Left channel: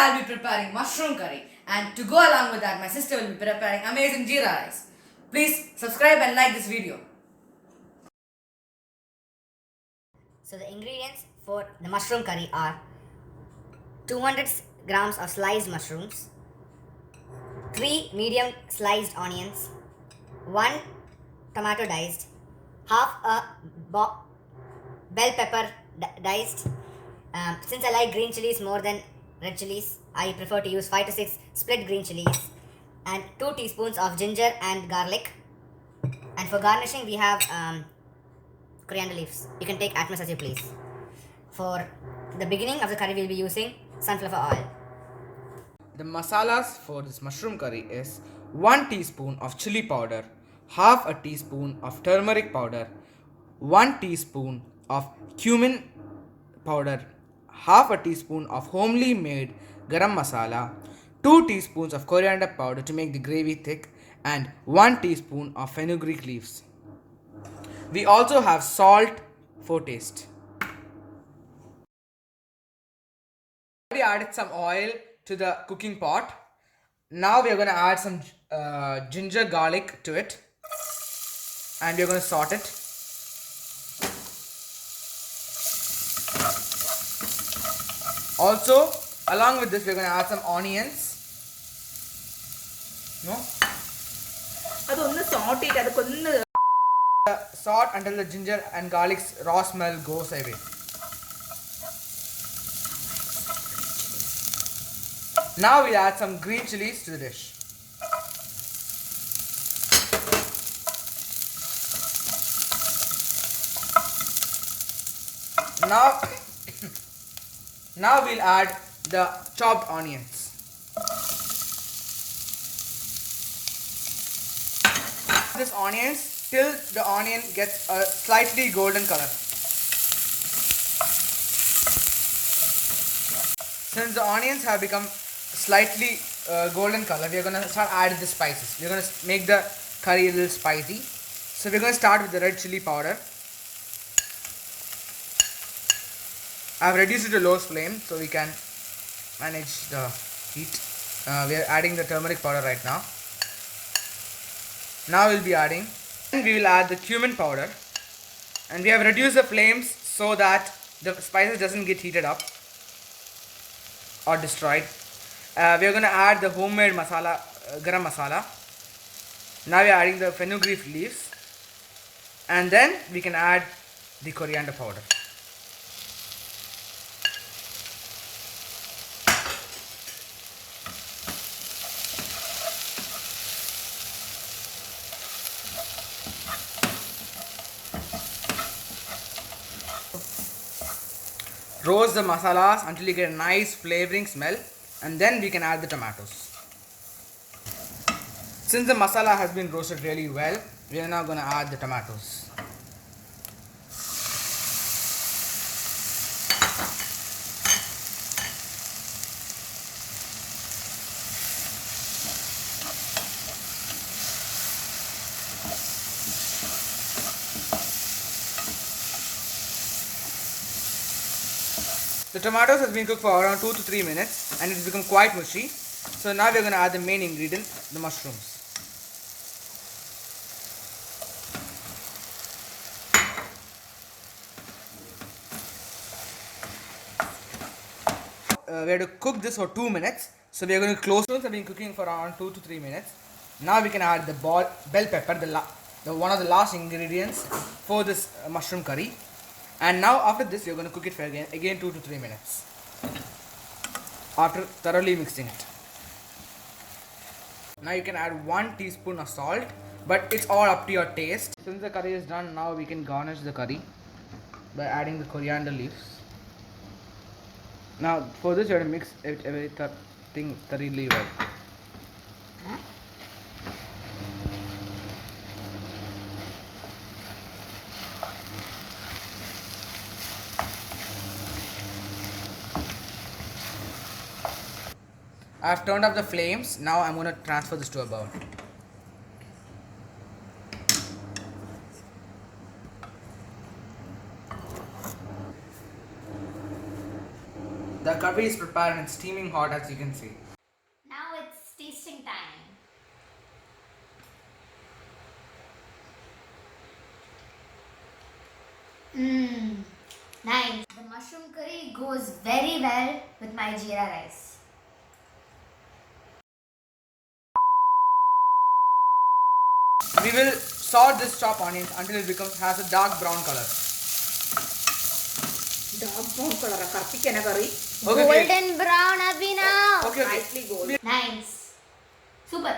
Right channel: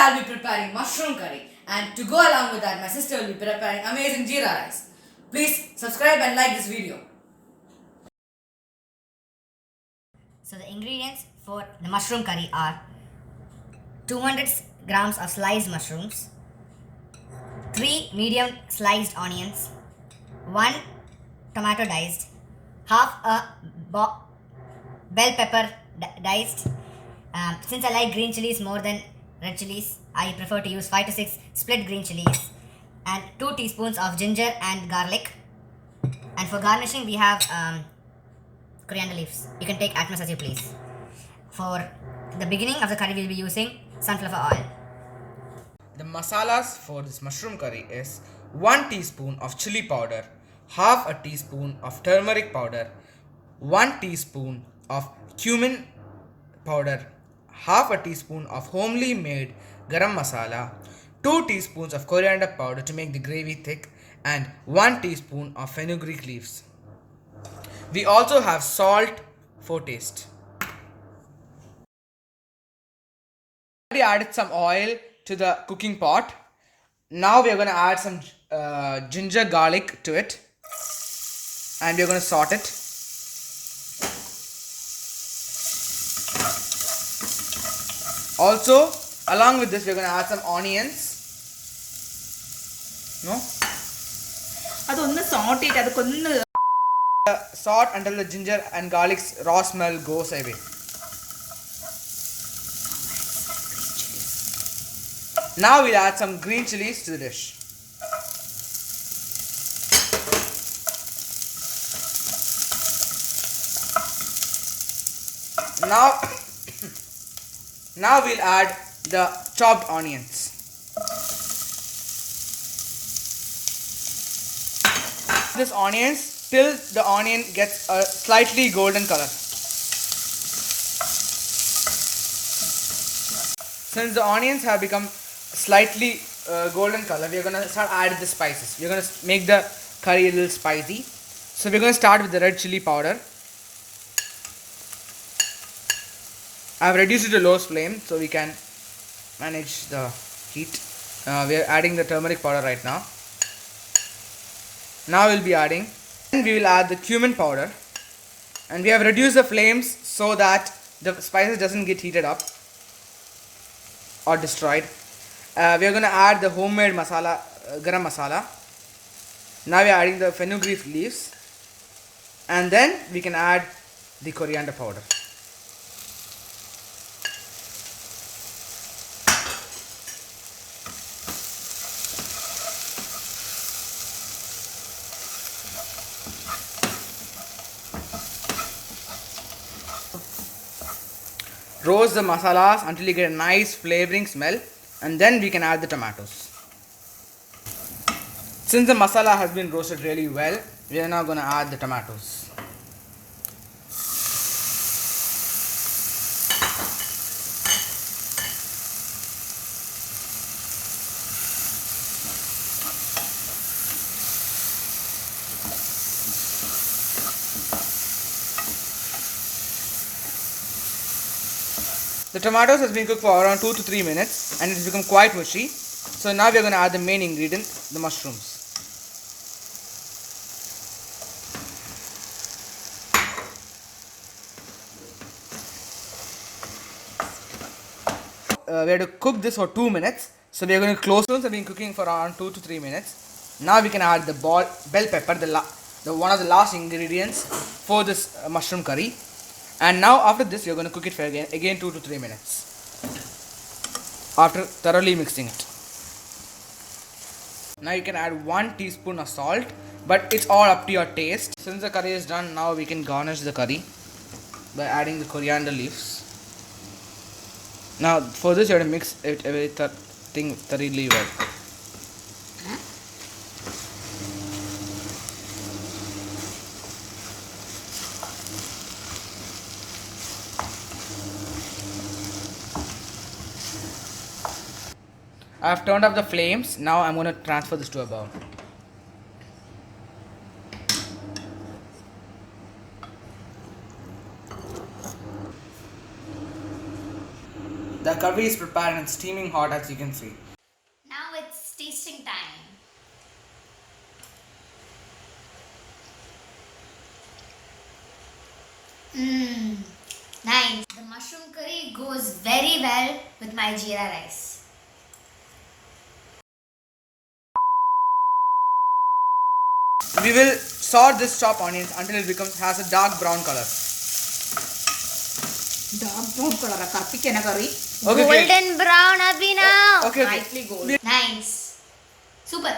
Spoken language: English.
I'll be preparing mushroom curry, and to go along with that, my sister will be preparing amazing jeera rice. Please subscribe and like this video. So the ingredients for the mushroom curry are 200 grams of sliced mushrooms, 3 medium sliced onions, 1 tomato diced, half a bell pepper diced. Since I like green chilies more than red chilies, I prefer to use 5 to 6 split green chilies, and 2 teaspoons of ginger and garlic. And for garnishing, we have coriander leaves. You can take as much as you please. For the beginning of the curry, we'll be using sunflower oil. The masalas for this mushroom curry is 1 teaspoon of chili powder, half a teaspoon of turmeric powder, 1 teaspoon of cumin powder, half a teaspoon of homely made garam masala, 2 teaspoons of coriander powder to make the gravy thick, and 1 teaspoon of fenugreek leaves. We also have salt for taste. Already added some oil to the cooking pot. Now we are going to add some ginger garlic to it, and we are going to saute it. Also, along with this, we are going to add some onions. No? അതൊന്ന് saute ചെയ്ത് അത് കൊന്ന് Salt until the ginger and garlic's raw smell goes away. Now we'll add some green chilies to the dish. Now, now we'll add the chopped onions. This onions till the onion gets a slightly golden color. Since the onions have become slightly golden color, we are going to start adding the spices. We are going to make the curry a little spicy. So we are going to start with the red chili powder. I have reduced it to low flame so we can manage the heat. We are adding the turmeric powder right now. Now we'll be adding, and we will add the cumin powder, and we have reduced the flames so that the spices doesn't get heated up or destroyed. We are going to add the homemade masala, garam masala. Now we are adding the fenugreek leaves, and then we can add the coriander powder. Roast the masalas until you get a nice flavoring smell, and then we can add the tomatoes. Since the masala has been roasted really well, we are now going to add the tomatoes. The tomatoes has been cooked for around 2 to 3 minutes, and it has become quite mushy. So now we are going to add the main ingredient, the mushrooms. We have to cook this for 2 minutes. So we are going to close. Mushrooms have been cooking for around 2 to 3 minutes. Now we can add the bell pepper, the one of the last ingredients for this mushroom curry. And now after this, we are going to cook it for again 2 to 3 minutes after thoroughly mixing it. Now you can add 1 teaspoon of salt, but it's all up to your taste. Since the curry is done, now we can garnish the curry by adding the coriander leaves. Now for this, you have to mix everything thoroughly well. I have turned up the flames. Now I'm going to transfer this to a bowl. The curry is prepared and it's steaming hot, as you can see. Now it's tasting time. Mmm, nice. The mushroom curry goes very well with my jeera rice. We will saute this chopped onions until it has a dark brown color. Dark brown കളറാ കപ്പിക്കന കറി Okay, Golden brown, Abhinav. okay. Lightly gold Nice. Super.